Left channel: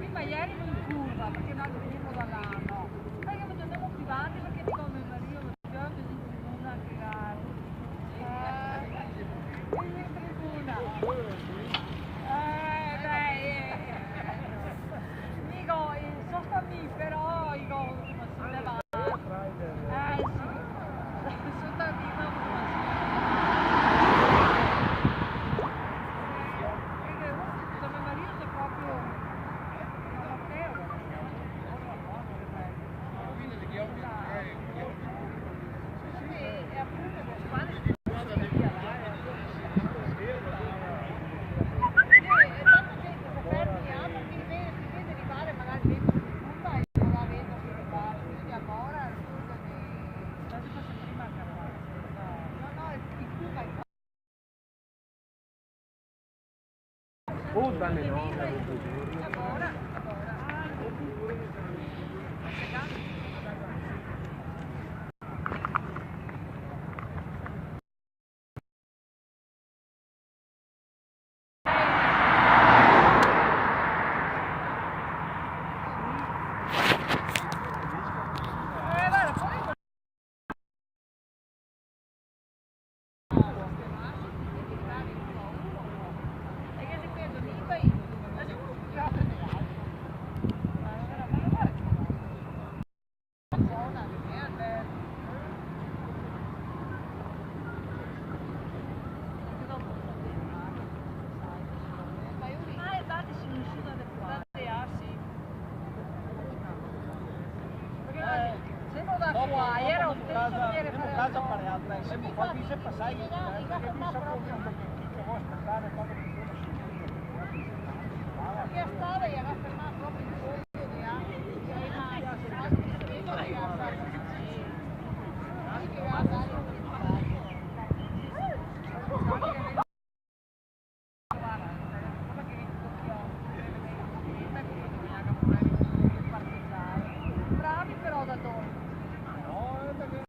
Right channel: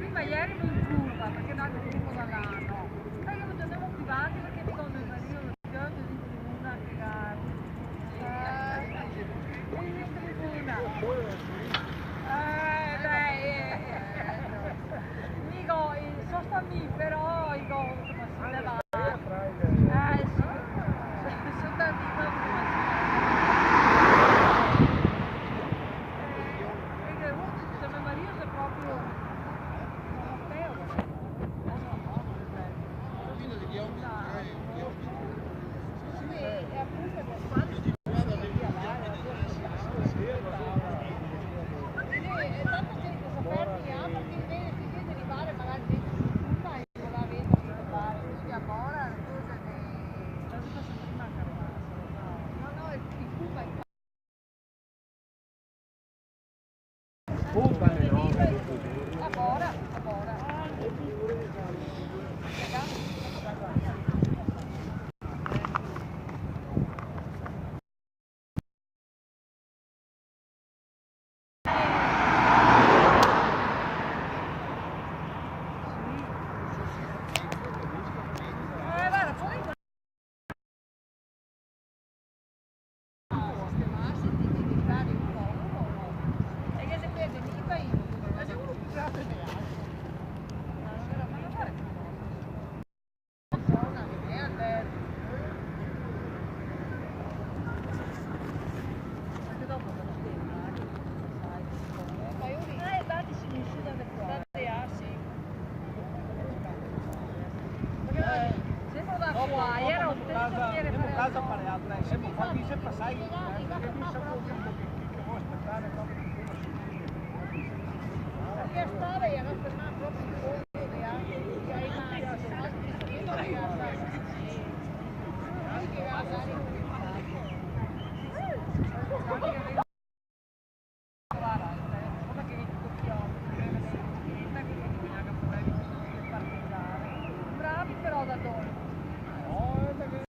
Prima ieri non fuga, perché noi veniamo da Nano. Poi io mi tornavo più avanti perché dico mio marito mi piace di tribuna che dico, sono stati però, dico, sono levati. Sì, sono stati Casa parlata, siamo fatti sempre passare.